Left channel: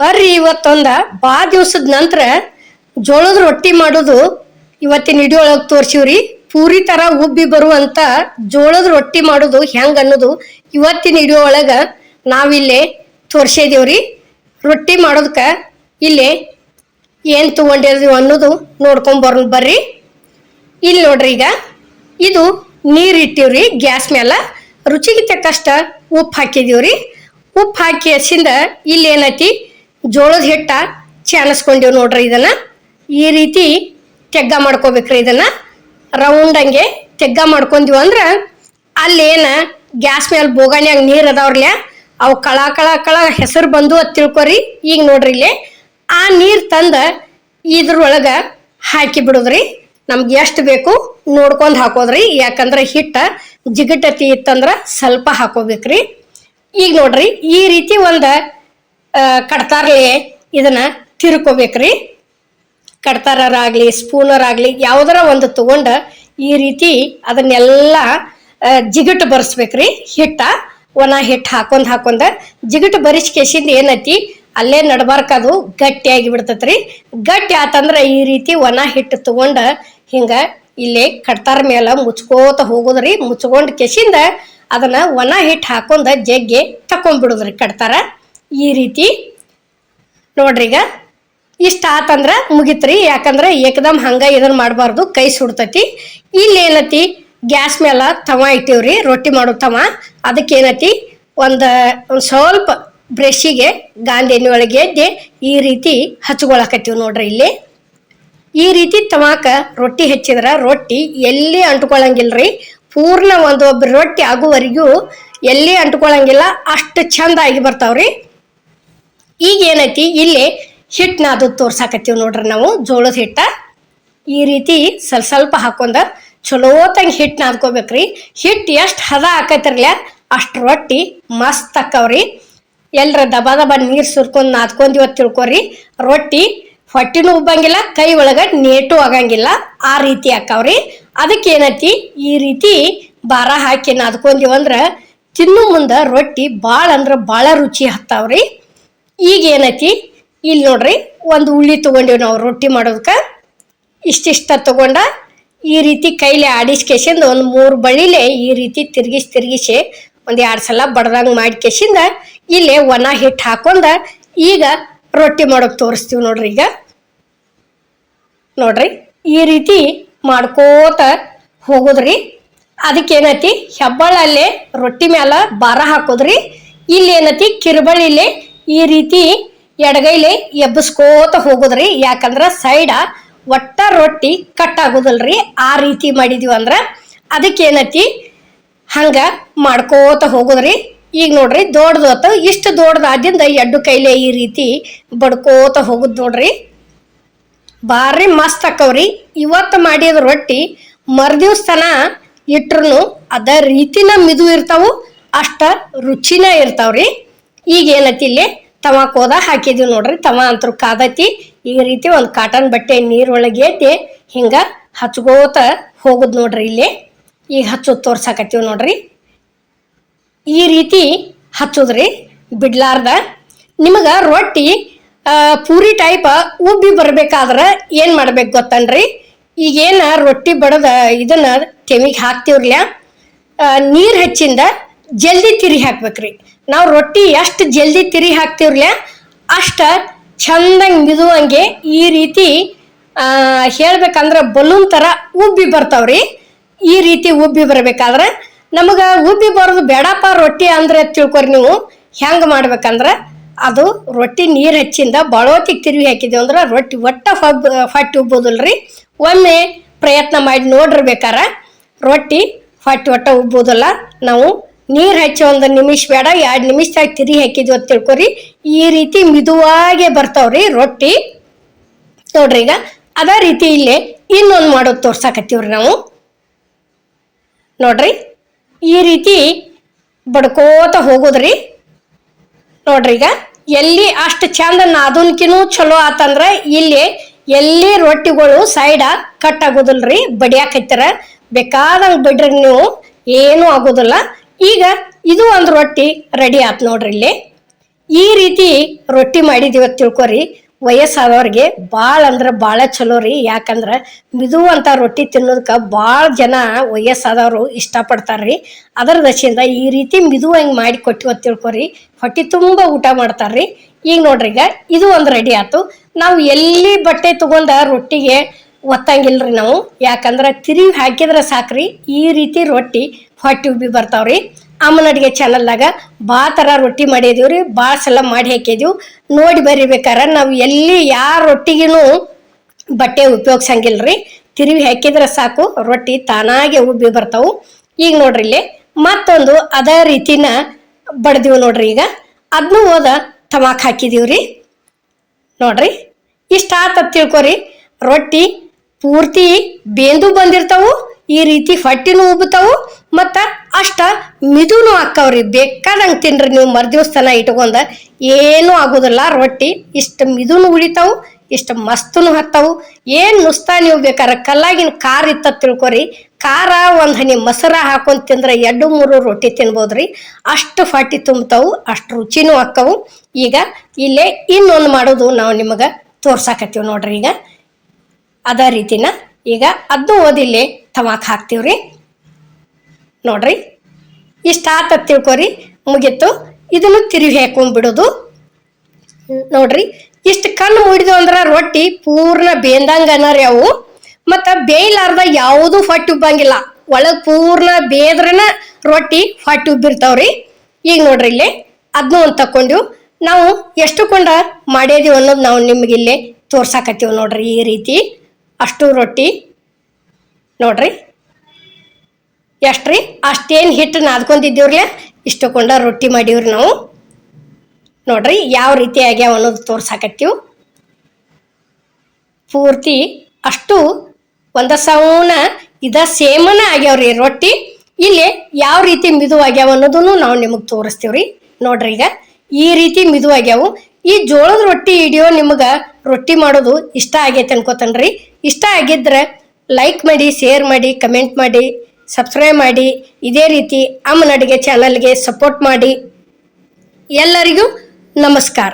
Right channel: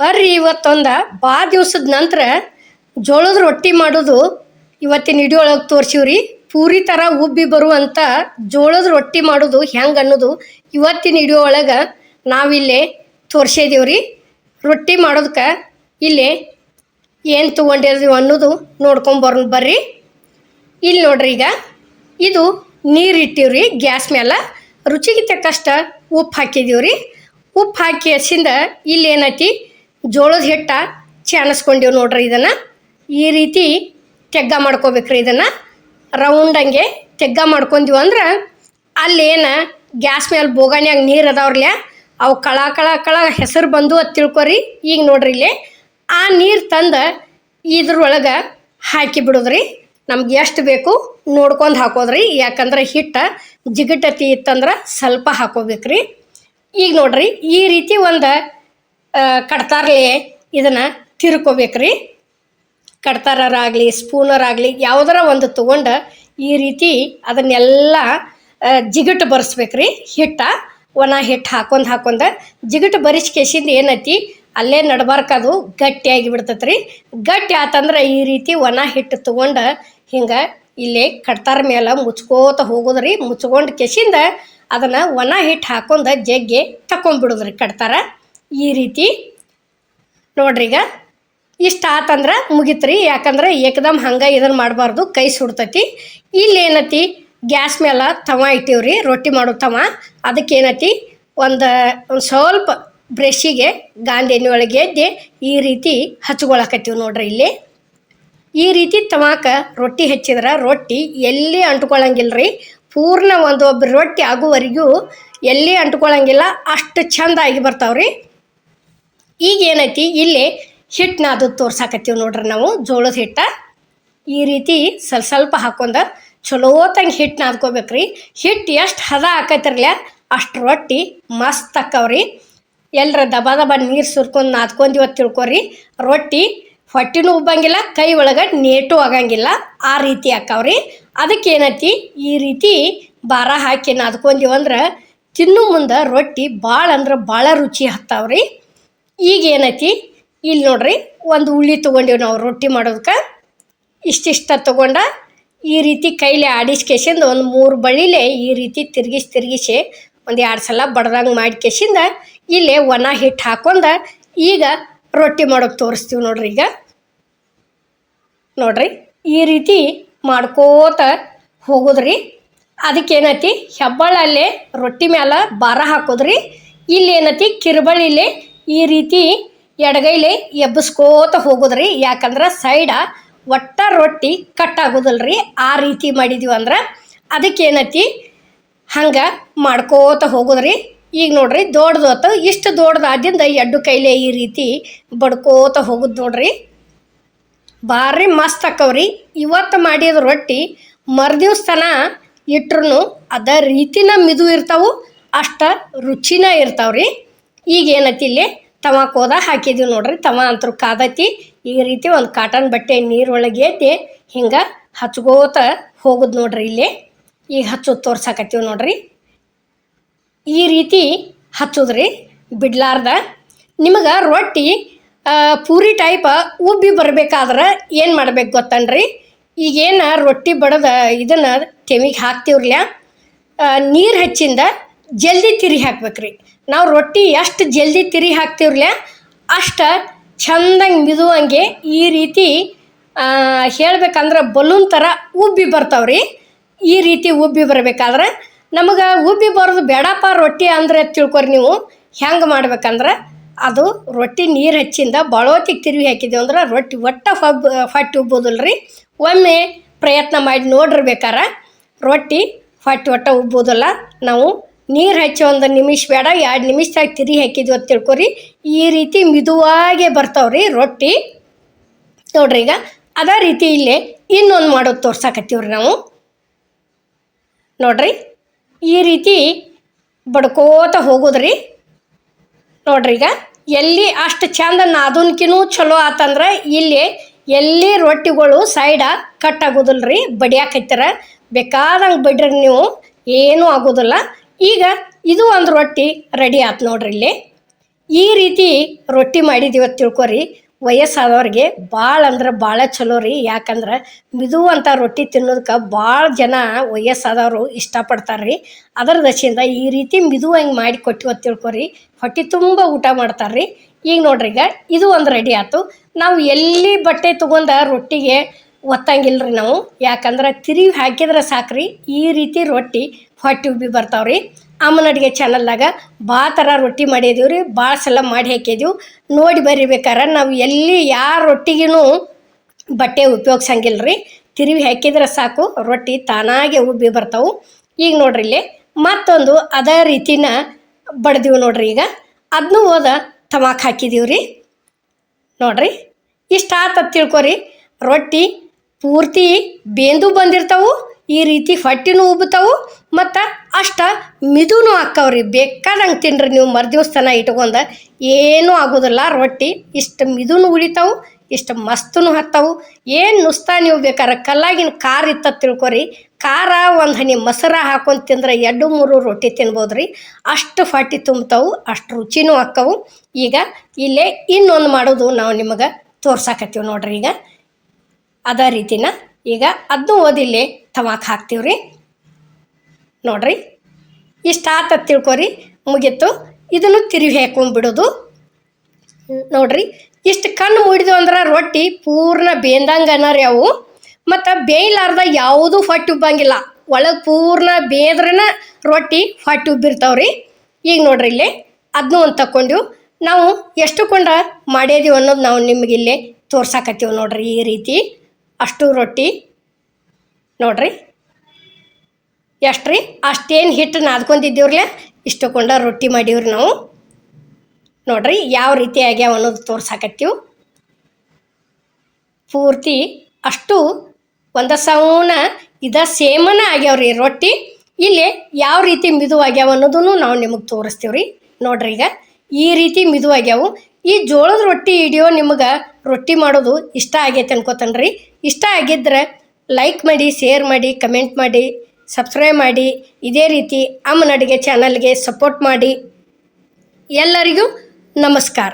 ಬರ್ರಿ ಇವತ್ತೊಂದ ಭಾಳ ದಿವಸದ ನಂತರ ಜೋಳದ ರೊಟ್ಟಿ ಮಾಡೋದು ಇವತ್ತಿನ ವಿಡಿಯೋ ಒಳಗೆ ತೋರಿಸಿವ್ರಿ. ಪೂರಿ ಥರ ಉಬ್ಬಿ ಬರುವಂಥ ಜೋಳದ ರೊಟ್ಟಿ ಮಾಡೋದು ಹೆಂಗೆ ಅನ್ನೋದು ಇವತ್ತಿನ ವಿಡಿಯೋ ಒಳಗೆ ನಾವಿಲ್ಲೇ ತೋರಿಸಿದೀವ್ರಿ. ರೊಟ್ಟಿ ಮಾಡೋದಕ್ಕೆ ಇಲ್ಲೇ ಏನು ತೊಗೊಂಡಿದ್ದೀವಿ ಅನ್ನೋದು ನೋಡ್ಕೊಂಬರೋಣ ಬರ್ರಿ. ಇಲ್ಲಿ ನೋಡ್ರಿ, ಈಗ ಇದು ನೀರು ಇಟ್ಟಿವ್ರಿ ಗ್ಯಾಸ್ ಮೇಲೆ. ರುಚಿಗೆ ತಕ್ಕಷ್ಟ ಉಪ್ಪು ಹಾಕಿದೀವ್ರಿ. ಉಪ್ಪು ಹಾಕಿ ಹಸಿಂದ ಇಲ್ಲಿ ಏನೈತಿ ಜೋಳದ ಹಿಟ್ಟ ಚಾನಸ್ಕೊಂಡೀವಿ ನೋಡ್ರಿ. ಇದನ್ನು ಈ ರೀತಿ ತೆಗ್ಗ ಮಾಡ್ಕೋಬೇಕ್ರಿ. ಇದನ್ನು ರೌಂಡಂಗೆ ತೆಗ್ಗ ಮಾಡ್ಕೊಂಡೀವಿ ಅಂದ್ರೆ ಅಲ್ಲೇನು ಗ್ಯಾಸ್ ಮೇಲೆ ಬೋಗಾಣಿಯಾಗ ನೀರು ಅದಾವ್ರಲ್ಲ, ಅವು ಕಳ ಕಳ ಕಳ ಹೆಸರು ಬಂದು ಅದು ತಿಳ್ಕೊರಿ. ಈಗ ನೋಡ್ರಿ ಇಲ್ಲಿ ಆ ನೀರು ತಂದು ಇದ್ರೊಳಗೆ ಹಾಕಿ ಬಿಡೋದ್ರಿ. ನಮ್ಗೆ ಎಷ್ಟು ಬೇಕು ನೋಡ್ಕೊಂಡು ಹಾಕೋದ್ರಿ. ಯಾಕಂದ್ರೆ ಹಿಟ್ಟು ಜಿಗಟತಿ ಇತ್ತಂದ್ರೆ ಸ್ವಲ್ಪ ಹಾಕೋಬೇಕ್ರಿ. ಈಗ ನೋಡ್ರಿ ಈ ರೀತಿ ಒಂದು ಕಡ್ತಾರಲೆ ಇದನ್ನ ತಿರ್ಕೋಬೇಕ್ರಿ. ಕಡ್ತಾರಾಗಲಿ ಸ್ಪೂನರಾಗಲಿ ಯಾವುದರ ಒಂದು ತಗೊಂಡು ಈ ರೀತಿ ಅದನ್ನೆಲ್ಲ ಜಿಗಟು ಬರೆಸ್ಬೇಕ್ರಿ. ಹಿಟ್ಟ ಒಣ ಹಿಟ್ಟು ಹಾಕೊಂಡ್ ಜಿಗಟು ಬರಿಸ್ಕೇಸಿಂದ ಏನೈತಿ ಅಲ್ಲೇ ನಡ್ಬಾರ್ಕದು ಗಟ್ಟಿಯಾಗಿ ಬಿಡ್ತೈತ್ರಿ. ಗಟ್ಟಿ ಆತಂದ್ರೆ ಈ ರೀತಿ ಒಣ ಹಿಟ್ಟು ತಗೊಂಡು ಹಿಂಗೆ ಇಲ್ಲೇ ಕಡ್ತಾರ ಮೇಲೆ ಮುಚ್ಕೋತ ಹೋಗೋದ್ರಿ. ಮುಚ್ಕೊಂಡು ಕೆಸಿಂದ ಅದನ್ನ ಒಣ ಹಿಟ್ಟು ಹಾಕೊಂಡ ಜಗ್ಗಿ ತಕೊಂಡ್ಬಿಡೋದ್ರಿ ಕಡ್ತಾರ. ಈ ರೀತಿ ನೋಡ್ರಿ, ಈಗ ಇಷ್ಟ ಆತಂದ್ರೆ ಮುಗಿತ್ರಿ. ಯಾಕಂದ್ರೆ ಏಕದಮ್ ಹಂಗ ಇದನ್ನ ಮಾಡಬಾರ್ದು, ಕೈ ಸುಡ್ತೈತಿ. ಇಲ್ಲಿ ಏನತಿ ಗ್ಯಾಸ್ ಮೇಲೆ ತವ ಇಟ್ಟಿವ್ರಿ, ರೊಟ್ಟಿ ಮಾಡೋ ತವ. ಅದಕ್ಕೆ ಏನತಿ ಒಂದು ಸ್ವಲ್ಪ ಬ್ರಷಿಗೆ ಗಾಂಧಿ ಎಣ್ಣೆ ಒಳಗೆ ಎದ್ದೆ ಈ ರೀತಿ ಹಚ್ಕೊಳಕತ್ತೀವಿ ನೋಡ್ರಿ. ಇಲ್ಲಿ ಈ ರೀತಿ ತವಾಕ ರೊಟ್ಟಿ ಹಚ್ಚಿದ್ರೆ ರೊಟ್ಟಿ ಎಲ್ಲಿ ಅಂಟ್ಕೊಳಂಗಿಲ್ರಿ. ಪೂರ್ಣ ಒಬ್ಬರು ರೊಟ್ಟಿ ಆಗುವವರೆಗೂ ಎಲ್ಲಿ ಅಂಟ್ಕೊಳಂಗಿಲ್ಲ, ಅಷ್ಟು ಚಂದ ಆಗಿ ಬರ್ತಾವ್ರಿ. ಈಗ ಏನೈತಿ ಇಲ್ಲಿ ಹಿಟ್ಟನ್ನ ಅದು ತೋರ್ಸಾಕತ್ತೀವಿ ನೋಡ್ರಿ. ನಾವು ಜೋಳದ ಹಿಟ್ಟ ಈ ರೀತಿ ಸ್ವಲ್ಪ ಹಾಕೊಂಡ ಚಲೋತಂಗೆ ಹಿಟ್ಟು ನಾದ್ಕೋಬೇಕ್ರಿ. ಹಿಟ್ಟು ಎಷ್ಟು ಹದ ಹಾಕತ್ತಿರ್ಲ ಅಷ್ಟು ರೊಟ್ಟಿ ಮಸ್ತ್ ಆಕ್ಕವ್ರಿ. ಎಲ್ಲರ ದಬ ನೀರು ಸುರ್ಕೊಂಡು ನಾದ್ಕೊಂಡಿವತ್ತು ತಿಳ್ಕೊರಿ. ರೊಟ್ಟಿ ಹೊಟ್ಟಿನೂ ಉಬ್ಬಂಗಿಲ್ಲ, ಕೈ ಒಳಗೆ ನೇಟು ಆಗಂಗಿಲ್ಲ, ಆ ರೀತಿ ಹಾಕವ್ರಿ. ಅದಕ್ಕೆ ಏನೈತಿ ಈ ರೀತಿ ಭಾರ ಹಾಕಿ ನಾದ್ಕೊಂಡಿವಂದ್ರೆ ತಿನ್ನು ಮುಂದೆ ರೊಟ್ಟಿ ಭಾಳ ಅಂದ್ರೆ ಭಾಳ ರುಚಿ ಹತ್ತಾವ್ರಿ. ಈಗ ಏನೈತಿ ಇಲ್ಲಿ ನೋಡ್ರಿ, ಒಂದು ಉಳ್ಳಿ ತೊಗೊಂಡಿವಿ ನಾವು ರೊಟ್ಟಿ ಮಾಡೋದಕ್ಕೆ. ಇಷ್ಟಿಷ್ಟ ತೊಗೊಂಡ ಈ ರೀತಿ ಕೈಲಿ ಆಡಿಸ್ಕೇಸಿಂದ ಒಂದು 3 ಬಳಿಲೆ ಈ ರೀತಿ ತಿರುಗಿಸಿ ಒಂದು 2 ಸಲ ಬಡ್ದಂಗೆ ಮಾಡಿಕೇಸಿಂದ ಇಲ್ಲೇ ಒಣ ಹಿಟ್ಟು ಹಾಕೊಂಡ ಈಗ ರೊಟ್ಟಿ ಮಾಡೋಕೆ ತೋರಿಸ್ತೀವಿ ನೋಡ್ರಿ. ಈಗ ನೋಡ್ರಿ ಈ ರೀತಿ ಮಾಡ್ಕೋತ ಹೋಗೋದ್ರಿ. ಅದಕ್ಕೇನೈತಿ ಹೆಬ್ಬಳ್ಳಲ್ಲೇ ರೊಟ್ಟಿ ಮ್ಯಾಲ ಭಾರ ಹಾಕೋದ್ರಿ. ಇಲ್ಲಿ ಏನೈತಿ ಕಿರುಬಳ್ಳಿಲೆ ಈ ರೀತಿ ಎಡಗೈಲೆ ಎಬ್ಬಿಸ್ಕೋತ ಹೋಗೋದ್ರಿ. ಯಾಕಂದ್ರೆ ಸೈಡ ಒಟ್ಟ ರೊಟ್ಟಿ ಕಟ್ ಆಗೋದಲ್ರಿ. ಆ ರೀತಿ ಮಾಡಿದೀವಿ ಅಂದ್ರೆ ಅದಕ್ಕೇನೈತಿ ಹಂಗ ಮಾಡ್ಕೋತ ಹೋಗೋದ್ರಿ. ಈಗ ನೋಡ್ರಿ ದೊಡ್ಡದೋತು, ಇಷ್ಟು ದೊಡ್ಡದಾದಿಂದ ಎಡ್ಡು ಕೈಲೆ ಈ ರೀತಿ ಬಡ್ಕೋತ ಹೋಗುದು ನೋಡ್ರಿ. ಭಾರಿ ಮಸ್ತ್ ಆಕವ್ರಿ. ಇವತ್ತು ಮಾಡಿದ ರೊಟ್ಟಿ ಮರ್ದಿವ್ಸ ತನ ಇಟ್ರು ಅದ ರೀತಿನ ಮಿದು ಇರ್ತಾವು, ಅಷ್ಟ ರುಚಿನ ಇರ್ತಾವ್ರಿ. ಈಗ ಏನೈತಿ ಇಲ್ಲಿ ತವಾಕ್ ಹೋದ ಹಾಕಿದೀವಿ ನೋಡ್ರಿ. ತವ ಅಂತೂ ಕಾದೈತಿ. ಈ ರೀತಿ ಒಂದು ಕಾಟನ್ ಬಟ್ಟೆ ನೀರೊಳಗೆ ಎದ್ದೆ ಹಿಂಗ ಹಚ್ಕೋತ ಹೋಗುದು ನೋಡ್ರಿ. ಇಲ್ಲಿ ಈಗ ಹಚ್ಚೋದು ತೋರ್ಸಾಕತ್ತೀವಿ ನೋಡ್ರಿ. ಈ ರೀತಿ ಹಚ್ಚೋದ್ರಿ ಬಿಡ್ಲಾರ್ದ. ನಿಮಗೆ ರೊಟ್ಟಿ ಪೂರಿ ಟೈಪ್ ಉಬ್ಬಿ ಬರ್ಬೇಕಾದ್ರೆ ಏನು ಮಾಡ್ಬೇಕು ಗೊತ್ತನ್ರಿ? ಈಗೇನು ರೊಟ್ಟಿ ಬಡದ ಇದನ್ನ ತೆಮಿಗೆ ಹಾಕ್ತಿವ್ರಲ್ಲ, ನೀರು ಹಚ್ಚಿಂದ ಜಲ್ದಿ ತಿರಿ ಹಾಕ್ಬೇಕ್ರಿ. ನಾವು ರೊಟ್ಟಿ ಎಷ್ಟು ಜಲ್ದಿ ತಿರಿ ಹಾಕ್ತಿವ್ರಲ್ಲ ಅಷ್ಟು ಚಂದಂಗೆ ಮಿದುವಂಗೆ ಈ ರೀತಿ ಹೇಳ್ಬೇಕಂದ್ರೆ ಬಲೂನ್ ಥರ ಉಬ್ಬಿ ಬರ್ತಾವ್ರಿ. ಈ ರೀತಿ ಉಬ್ಬಿ ಬರ್ಬೇಕಾದ್ರೆ ನಮಗೆ ಉಬ್ಬಿ ಬರೋದು ಬೇಡಪ್ಪ ರೊಟ್ಟಿ ಅಂದ್ರೆ ತಿಳ್ಕೊರಿ. ನೀವು ಹೆಂಗೆ ಮಾಡ್ಬೇಕಂದ್ರೆ ಅದು ರೊಟ್ಟಿ ನೀರು ಹಚ್ಚಿಂದ ಬಳೋತಿಗೆ ತಿರುವಿ ಹಾಕಿದೇವು ಅಂದ್ರೆ ರೊಟ್ಟಿ ಹೊಟ್ಟೆ ಉಬ್ಬೋದಿಲ್ರಿ. ಒಮ್ಮೆ ಪ್ರಯತ್ನ ಮಾಡಿ ನೋಡಿರ್ಬೇಕಾರ ರೊಟ್ಟಿ ಹೊಟ್ಟೆ ಉಬ್ಬೋದಿಲ್ಲ. ನಾವು ನೀರು ಹಚ್ಚಿ 1 ನಿಮಿಷ ಬೇಡ 2 ನಿಮಿಷದಾಗ ತಿರಿ ಹಾಕಿದ್ವಿ ಅಂತ ತಿಳ್ಕೊರಿ. ಈ ರೀತಿ ಮಿದುವಾಗೆ ಬರ್ತಾವ್ರಿ ರೊಟ್ಟಿ ನೋಡ್ರಿ. ಈಗ ಅದೇ ರೀತಿ ಇಲ್ಲೇ ಇನ್ನೊಂದು ಮಾಡೋದು ತೋರ್ಸಾಕತ್ತೀವ್ರಿ ನಾವು ನೋಡ್ರಿ. ಈ ರೀತಿ ಬಡ್ಕೋತ ಹೋಗೋದ್ರಿ ನೋಡ್ರಿ. ಈಗ ಎಲ್ಲಿ ಅಷ್ಟು ಚಂದ ನಾದನ್ಕಿನೂ ಚಲೋ ಆತಂದ್ರೆ ಇಲ್ಲಿ ಎಲ್ಲಿ ರೊಟ್ಟಿಗಳು ಸೈಡ ಕಟ್ ಆಗೋದಿಲ್ರಿ. ಬಡಿಯಾಕೈತಾರ ಬೇಕಾದಂಗೆ ಬಿಡ್ರಿ, ನೀವು ಏನೂ ಆಗೋದಿಲ್ಲ. ಈಗ ಇದು ಒಂದು ರೊಟ್ಟಿ ರೆಡಿ ಆಯ್ತು ನೋಡ್ರಿ. ಇಲ್ಲಿ ಈ ರೀತಿ ರೊಟ್ಟಿ ಮಾಡಿದೀವ ತಿಳ್ಕೊರಿ, ವಯಸ್ಸಾದವ್ರಿಗೆ ಭಾಳ ಅಂದ್ರೆ ಭಾಳ ಚಲೋ ರೀ. ಯಾಕಂದ್ರೆ ಮಿದುವಂಥ ರೊಟ್ಟಿ ತಿನ್ನೋದಕ್ಕೆ ಭಾಳ ಜನ ವಯಸ್ಸಾದವರು ಇಷ್ಟಪಡ್ತಾರ್ರಿ. ಅದರ ದಶೆಯಿಂದ ಈ ರೀತಿ ಮಿದು ಹೆಂಗೆ ಮಾಡಿ ಕೊಟ್ಟಿವ ತಿಳ್ಕೊರಿ, ಹೊಟ್ಟೆ ತುಂಬ ಊಟ ಮಾಡ್ತಾರ್ರಿ. ಈಗ ನೋಡ್ರಿ, ಈಗ ಇದು ಒಂದು ರೆಡಿ ಆಯ್ತು. ನಾವು ಎಲ್ಲಿ ಬಟ್ಟೆ ತಗೊಂಡ ರೊಟ್ಟಿಗೆ ಒತ್ತಂಗಿಲ್ರಿ ನಾವು, ಯಾಕಂದ್ರೆ ತಿರುವಿ ಹಾಕಿದ್ರೆ ಸಾಕ್ರಿ ಈ ರೀತಿ ರೊಟ್ಟಿ ಹೊಟ್ಟೆ ಉಬ್ಬಿ ಬರ್ತಾವ್ರಿ. ಅಮ್ಮನ ಅಡುಗೆ ಚಾನಲ್ದಾಗ ಭಾಳ ಥರ ರೊಟ್ಟಿ ಮಾಡಿದೀವ್ರಿ, ಭಾಳ ಸಲ ಮಾಡಿ ಹಾಕಿದೀವಿ. ನೋಡಿ ಬರಿಬೇಕಾರೆ ನಾವು ಎಲ್ಲಿ ಯಾರ ರೊಟ್ಟಿಗೂ ಬಟ್ಟೆ ಉಪಯೋಗಿಸಂಗಿಲ್ರಿ, ತಿರುವಿ ಹಾಕಿದ್ರೆ ಸಾಕು ರೊಟ್ಟಿ ತಾನಾಗೆ ಉಬ್ಬಿ ಬರ್ತಾವು. ಈಗ ನೋಡ್ರಿ ಇಲ್ಲಿ ಮತ್ತೊಂದು ಅದೇ ರೀತಿನ ಬಡ್ದೀವಿ ನೋಡ್ರಿ. ಈಗ ಅದನ್ನೂ ಹೋದ ತಮಾಕ್ ಹಾಕಿದೀವ್ರಿ. ನೋಡ್ರಿ ಇಷ್ಟ ಆತ ತಿಳ್ಕೊರಿ, ರೊಟ್ಟಿ ಪೂರ್ತಿ ಬೇಂದು ಬಂದಿರ್ತಾವು, ಈ ರೀತಿ ಹೊಟ್ಟಿನೂ ಉಬ್ಬುತ್ತಾವು, ಮತ್ತು ಅಷ್ಟ ಮಿದುನು ಹಾಕ್ಕವ್ರಿ. ಬೇಕಾದಂಗೆ ತಿನ್ರಿ ನೀವು, ಮರುದಿವ್ಸ ತನ ಇಟ್ಕೊಂಡ ಏನೂ ಆಗೋದಿಲ್ಲ. ರೊಟ್ಟಿ ಇಷ್ಟು ಮಿದುನು ಉಳಿತಾವು, ಇಷ್ಟು ಮಸ್ತನು ಹತ್ತಾವು. ಏನು ನುಸ್ತಾ ನೀವು ಬೇಕಾರೆ ಕಲ್ಲಾಗಿನ ಖಾರ ಇತ್ತ ತಿಳ್ಕೊರಿ, ಖಾರ ಒಂದು ಹನಿ ಮೊಸರ ಹಾಕೊಂಡು ತಿಂದ್ರೆ 2-3 ರೊಟ್ಟಿ ತಿನ್ಬೋದ್ರಿ. ಅಷ್ಟು ಹೊಟ್ಟಿ ತುಂಬ್ತಾವು, ಅಷ್ಟು ರುಚಿನೂ ಹಾಕ್ಕವು. ಈಗ ಇಲ್ಲೇ ಇನ್ನೊಂದು ಮಾಡೋದು ನಾವು ನಿಮಗೆ ತೋರ್ಸಾಕತ್ತೀವಿ ನೋಡ್ರಿ. ಈಗ ಅದೇ ರೀತಿನ ಈಗ ಅದನ್ನು ಓದಿಲ್ಲೇ ತಮಾಕ್ ಹಾಕ್ತೀವ್ರಿ. ನೋಡ್ರಿ ಇಷ್ಟ ಆತ ತಿಳ್ಕೊರಿ, ಮುಗೀತು. ಇದನ್ನು ತಿರುವಿ ಹಾಕೊಂಡ್ಬಿಡೋದು. ನೋಡ್ರಿ ಇಷ್ಟು ಕಣ್ಣು ಮುಡಿದು ಅಂದ್ರೆ ರೊಟ್ಟಿ ಪೂರ್ಣ ಬೇಂದಂಗನರಿ ಅವು. ಮತ್ತು ಬೇಯಲಾರ್ದ ಯಾವುದೂ ಹೊಟ್ಟೆ ಉಬ್ಬಂಗಿಲ್ಲ, ಒಳಗೆ ಪೂರ್ಣ ಬೇದ್ರನ ರೊಟ್ಟಿ ಹೊಟ್ಟೆ ಉಬ್ಬಿರ್ತಾವ್ರಿ. ಈಗ ನೋಡ್ರಿ ಇಲ್ಲೇ ಅದನ್ನೂ ಒಂದು ತಕೊಂಡು ನಾವು ಎಷ್ಟು ಕೊಂಡ ಮಾಡಿದೀವಿ ಅನ್ನೋದು ನಾವು ನಿಮ್ಗೆ ಇಲ್ಲೇ ತೋರ್ಸಾಕತ್ತೀವಿ ನೋಡ್ರಿ. ಈ ರೀತಿ ಅಷ್ಟು ರೊಟ್ಟಿ ನೋಡ್ರಿ ಎಷ್ಟ್ರಿ, ಅಷ್ಟೇನು ಹಿಟ್ಟು ನಾದ್ಕೊಂಡಿದ್ದೀವ್ರಲ್ಲ, ಇಷ್ಟು ಕೊಂಡ ರೊಟ್ಟಿ ಮಾಡೀವ್ರಿ ನಾವು. ನೋಡ್ರಿ ಯಾವ ರೀತಿ ಆಗ್ಯಾವ ಅನ್ನೋದು ತೋರ್ಸಾಕತ್ತೀವಿ. ಪೂರ್ತಿ ಅಷ್ಟು ಒಂದ ಸೌನ ಸೇಮನ ಆಗ್ಯಾವ್ರಿ ರೊಟ್ಟಿ. ಇಲ್ಲಿ ಯಾವ ರೀತಿ ಮಿದು ಆಗ್ಯಾವ ಅನ್ನೋದನ್ನು ನಾವು ನಿಮಗೆ ತೋರಿಸ್ತೀವ್ರಿ. ನೋಡ್ರಿ ಈಗ ಈ ರೀತಿ ಮಿದು ಆಗ್ಯಾವು. ಈ ಜೋಳದ ರೊಟ್ಟಿ ವಿಡಿಯೋ ನಿಮಗೆ ರೊಟ್ಟಿ ಮಾಡೋದು ಇಷ್ಟ ಆಗೈತೆ ಅನ್ಕೋತನ್ರಿ. ಇಷ್ಟ ಆಗಿದ್ರೆ ಲೈಕ್ ಮಾಡಿ, ಶೇರ್ ಮಾಡಿ, ಕಮೆಂಟ್ ಮಾಡಿ, ಸಬ್ಸ್ಕ್ರೈಬ್ ಮಾಡಿ. ಇದೇ ರೀತಿ ಅಮ್ಮನ ಅಡುಗೆ ಚಾನಲ್ಗೆ ಸಪೋರ್ಟ್ ಮಾಡಿ. ಎಲ್ಲರಿಗೂ ನಮಸ್ಕಾರ.